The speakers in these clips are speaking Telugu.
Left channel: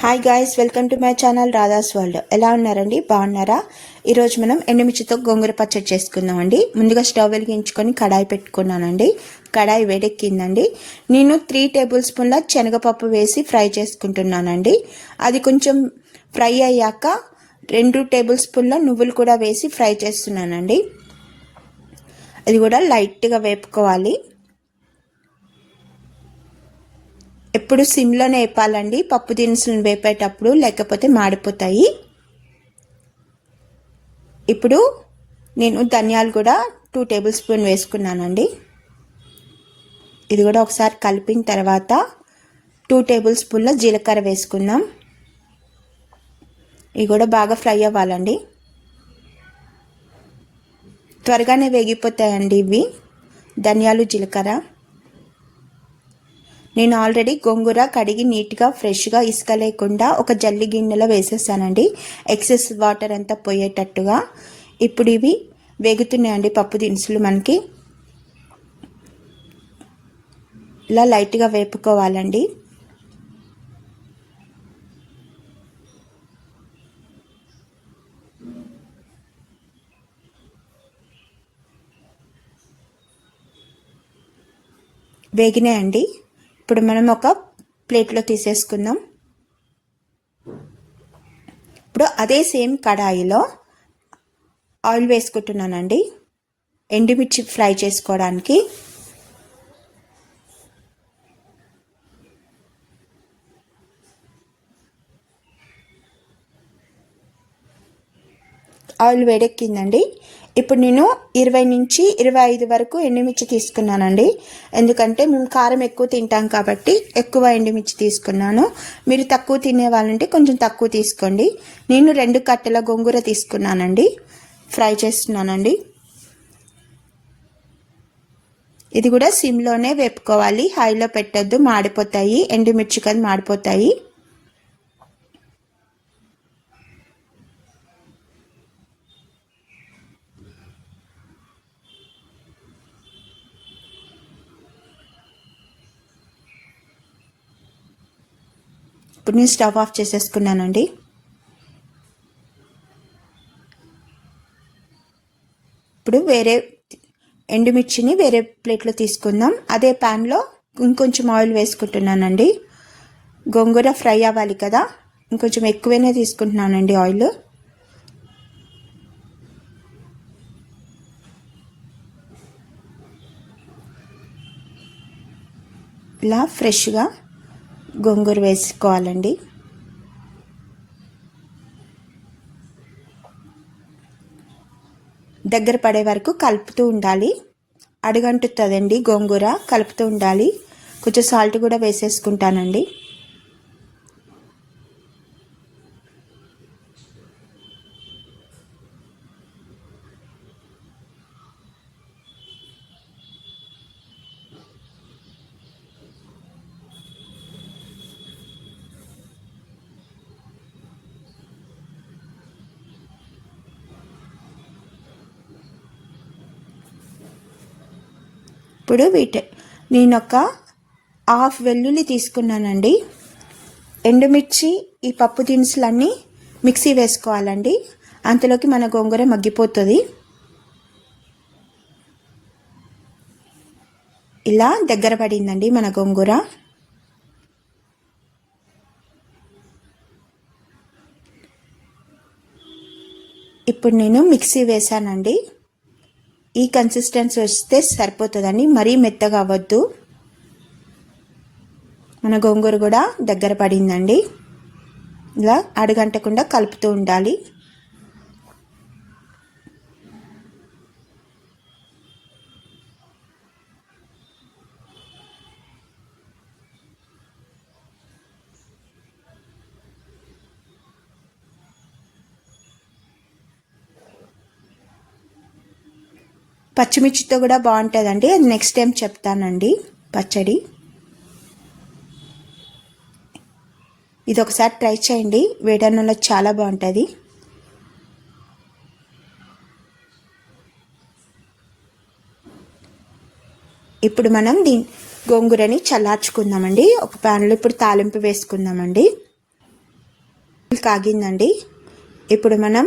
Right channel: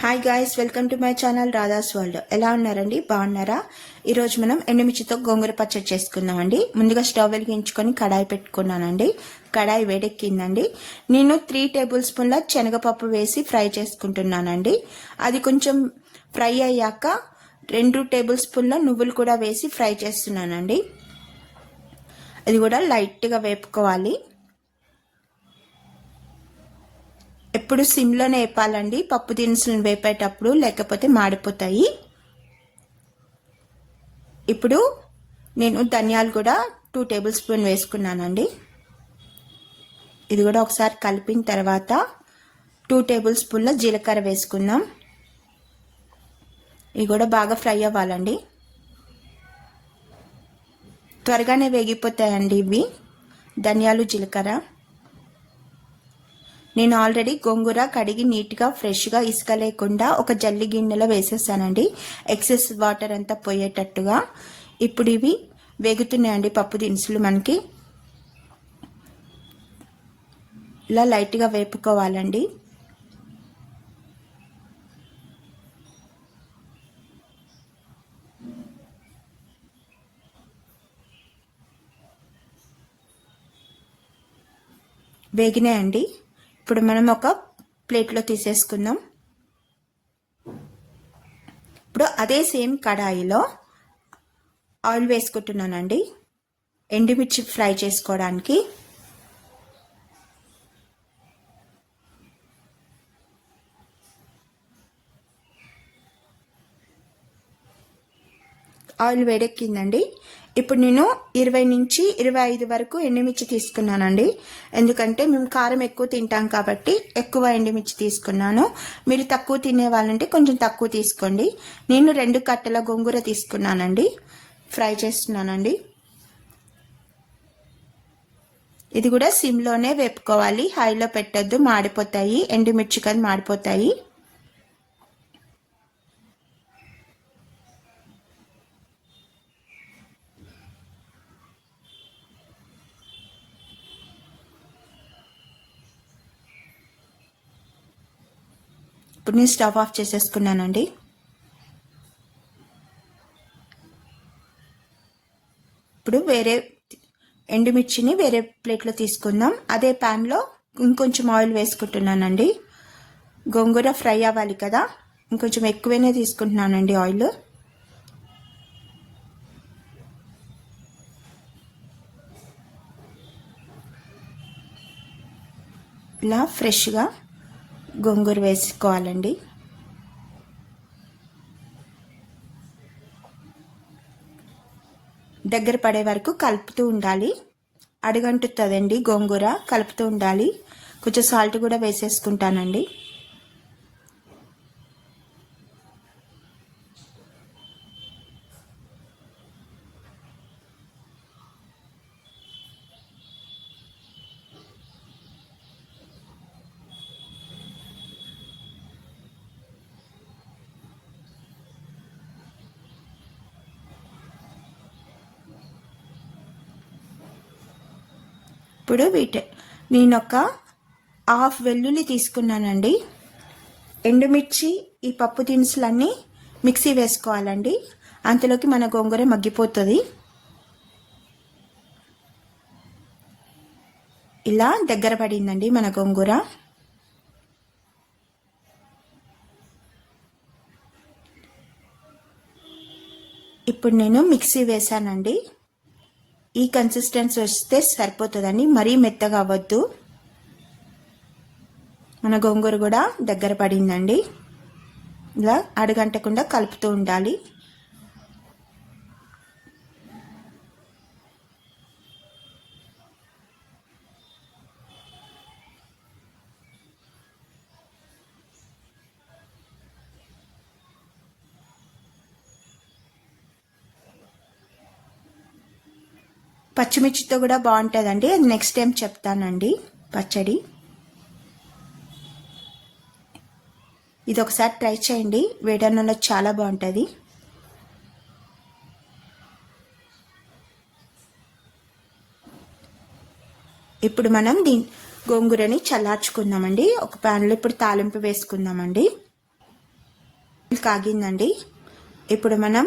Hi guys, welcome to my channel Radha's world. ఎలా ఉన్నారండి? బాగున్నారా? ఈరోజు మనం ఎండుమిర్చితో గోంగూర పచ్చడి చేసుకుందామండి. ముందుగా స్టవ్ వెలిగించుకొని కడాయి పెట్టుకున్నానండి. కడాయి వేడెక్కిందండి. నేను 3 టేబుల్ స్పూన్ల శనగపప్పు వేసి ఫ్రై చేసుకుంటున్నానండి. అది కొంచెం ఫ్రై అయ్యాక 2 టేబుల్ స్పూన్ల నువ్వులు కూడా వేసి ఫ్రై చేస్తున్నానండి. అది కూడా లైట్గా వేపుకోవాలి. ఎప్పుడు సిమ్లోనే వేపాలండి పప్పు దినుసులను వేపేటప్పుడు, లేకపోతే మాడిపోతాయి. ఇప్పుడు నేను ధనియాలు కూడా 2 టేబుల్ స్పూన్ వేసుకున్నానండి. ఇది కూడా ఒకసారి కలిపిన తర్వాత 2 టేబుల్ స్పూన్ల జీలకర్ర వేసుకుందాం. ఇవి కూడా బాగా ఫ్రై అవ్వాలండి. త్వరగానే వేగిపోతాయండి ఇవి ధనియాలు, జీలకర్ర. నేను ఆల్రెడీ గోంగూర కడిగి నీట్గా ఫ్రెష్గా ఇసుక లేకుండా ఒక జల్లి గిన్నెలో వేసేసానండి, ఎక్సెస్ వాటర్ అంతా పోయేటట్టుగా. ఇప్పుడు ఇవి వేగుతున్నాయండి పప్పు దినుసులు. మనకి ఇలా లైట్గా వేపుకోవాలండి. వేగినాయండి. ఇప్పుడు మనం ఒక ప్లేట్లో తీసేసుకుందాం. ఇప్పుడు అదే సేమ్ కడాయిలో ఆయిల్ వేసుకుంటున్నానండి ఎండుమిర్చి ఫ్రై చేసుకోవడానికి. ఆయిల్ వేడెక్కిందండి. ఇప్పుడు నేను 20 నుంచి 25 వరకు ఎండుమిర్చి తీసుకున్నానండి. ఎందుకంటే మేము కారం ఎక్కువ తింటాం కాబట్టి ఎక్కువ ఎండుమిర్చి తీసుకున్నాను. మీరు తక్కువ తినే వాళ్ళంటే కొంచెం తక్కువ తీసుకోండి. నేను 2 కట్టల గోంగూర తీసుకున్నానండి. ఫ్రై చేస్తున్నానండి. ఇది కూడా సిమ్లోనే వేపుకోవాలి, హైలో పెట్టొద్దు, మాడిపోతాయి. ఎండుమిర్చి కదా మాడిపోతాయి. ఇప్పుడు నేను స్టవ్ ఆఫ్ చేసేసుకున్నానండి. ఇప్పుడు వేరే ఎండుమిర్చిని వేరే ప్లేట్లో తీసుకుందాం. అదే ప్యాన్లో ఇంకొంచెం ఆయిల్ వేసుకుంటున్నానండి. గోంగూర ఫ్రై అవ్వాలి కదా, ఇంకొంచెం ఎక్కువనే తీసుకుంటున్నానండి ఆయిల్. ఇలా ఫ్రెష్గా గోంగూర వేసుకోవాలండి. దగ్గర పడే వరకు కలుపుతూ ఉండాలి. అడుగంటుతుందండి గోంగూర, కలుపుతూ ఉండాలి. కొంచెం సాల్ట్ కూడా వేసేసుకుంటానండి. ఇప్పుడు నేను ఒక హాఫ్ వెల్లుల్లి తీసుకున్నానండి. ఎండుమిర్చి, ఈ పప్పు దినుసులన్నీ మిక్సీ వేసుకోవాలండి. అంతలోకి మన గోంగూర మగ్గిపోతుంది. ఇలా దగ్గర పడిందండి మన గోంగూర. ఇప్పుడు నేను మిక్సీ వేసానండి. ఈ కన్సిస్టెన్సీ వస్తే సరిపోతుందండి, మరీ మెత్తగా అవ్వద్దు. మన గోంగూర కూడా దగ్గర పడిందండి. ఇలా అడుగంటకుండా కలుపుతూ ఉండాలి. పచ్చిమిర్చితో కూడా బాగుంటుందండి, అది నెక్స్ట్ టైం చెప్తానండి పచ్చడి. ఇది ఒకసారి ట్రై చేయండి, వేడన్నంలో చాలా బాగుంటుంది. ఇప్పుడు మనం గోంగూరని చల్లార్చుకుందామండి. ఒక ప్యాన్లో ఇప్పుడు తాలింపు వేసుకుందామండి. కాగిందండి. ఇప్పుడు మనం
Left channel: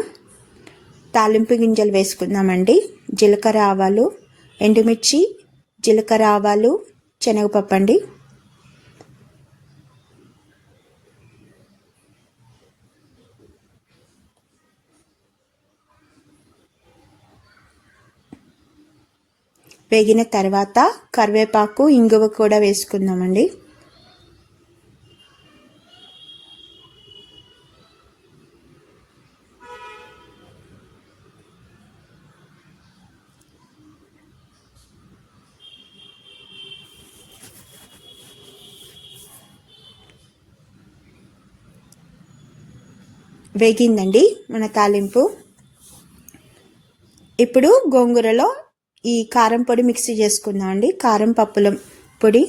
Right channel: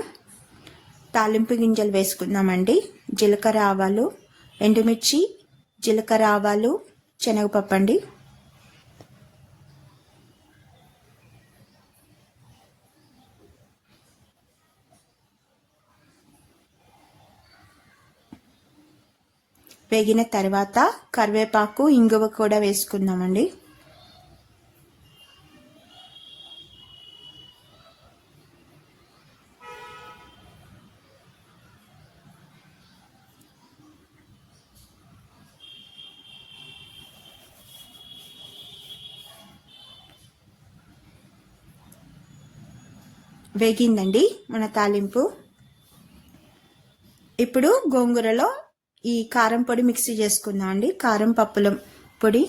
తాలింపు గింజలు వేసుకుందామండి. జీలకర్ర ఆవాలు, ఎండుమిర్చి, జీలకర్ర ఆవాలు, శనగపప్పు అండి. వేగిన తర్వాత కరివేపాకు, ఇంగువ కూడా వేసుకుందామండి. వేగిందండి మన తాలింపు. ఇప్పుడు గోంగూరలో ఈ కారం పొడి మిక్సీ చేసుకుందాం అండి. కారం పప్పుల పొడి,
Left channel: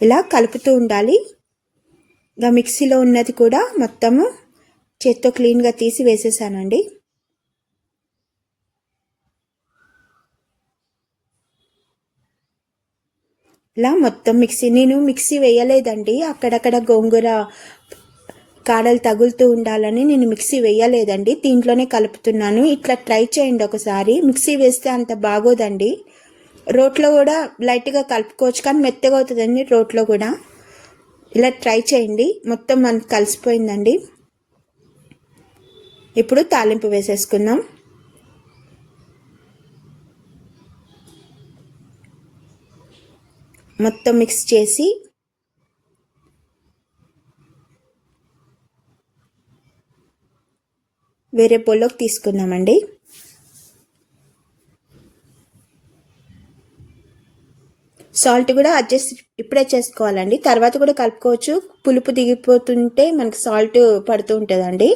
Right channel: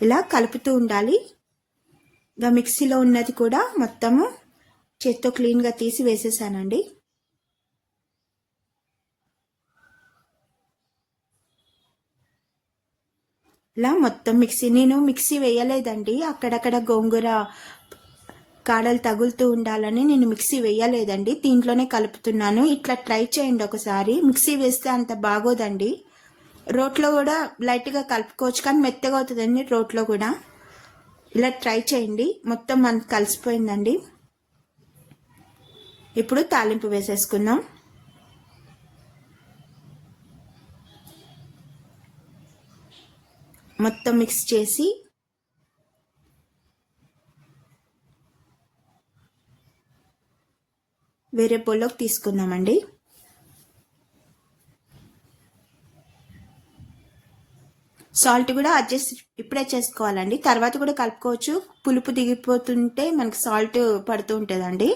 ఇలా కలుపుతూ ఉండాలి. ఇంకా మిక్సీలో ఉన్నది కూడా మొత్తము చేత్తో క్లీన్గా తీసి వేసేసానండి. ఇలా మొత్తం నేను మిక్సీ వేయలేదండి. అక్కడక్కడ గోంగూర కాడలు తగులుతూ ఉండాలని నేను మిక్సీ వేయలేదండి. దీంట్లోనే కలుపుతున్నాను. ఇట్లా ట్రై చేయండి ఒకసారి. మిక్సీ వేస్తే అంత బాగోదండి. రోట్లో కూడా లైట్గా కలుపుకోవచ్చు, కానీ మెత్తగా అవుతుందండి రోట్లో కూడా. ఇలా ట్రై చేయండి. మొత్తం మనకు కలిసిపోయిందండి. ఇప్పుడు తాలింపు వేసేసుకుందాం. మొత్తం మిక్స్ చేసి వేరే బౌల్లోకి తీసుకుందామండి. సాల్ట్ కూడా అడ్జస్ట్ ఇప్పుడే చేసుకోవాలండి. తర్వాత కూడా కలుపుకోవచ్చు. పులుపు దిగిపోతుంటే మనకి సాల్ట్ పడుతూ ఉంటుందండి.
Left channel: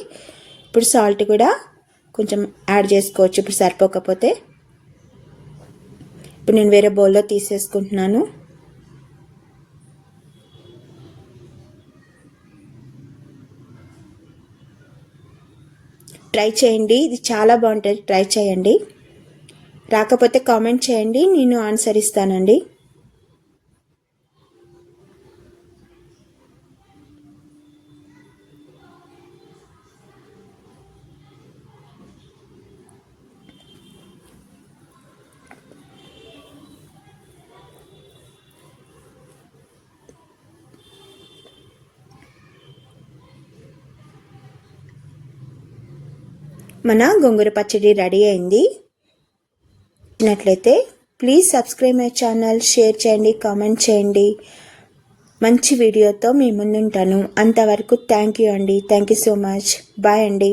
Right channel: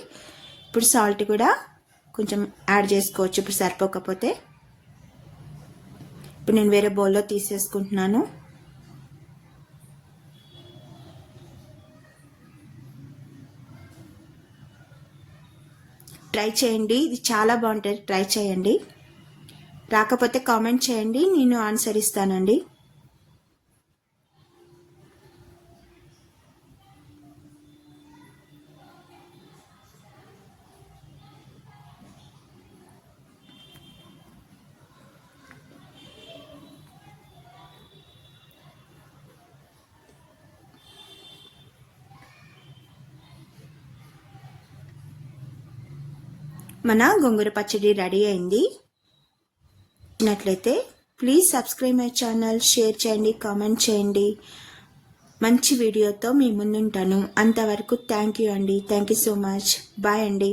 ఇప్పుడు సాల్ట్ కూడా కొంచెం యాడ్ చేసుకోవచ్చు ఇప్పుడు సరిపోకపోతే. ఇప్పుడు నేను వేరే బౌల్లో తీసేసుకుంటున్నాను. ట్రై చేయండి, ఇది చాలా బాగుంటుంది. ట్రై చేయండి. రాకపోతే కామెంట్ చేయండి, నేను ఆన్సర్ ఇస్తానండి. మన గోంగూర పచ్చడి రెడీ అయింది. నచ్చినట్లయితే please subscribe my channel, share చేయండి, కామెంట్ చేయండి. మంచి వీడియోతో మీ ముందుంటాను. అంతవరకు థ్యాంక్ యూ అండి. Thank you so much. Bye అండి.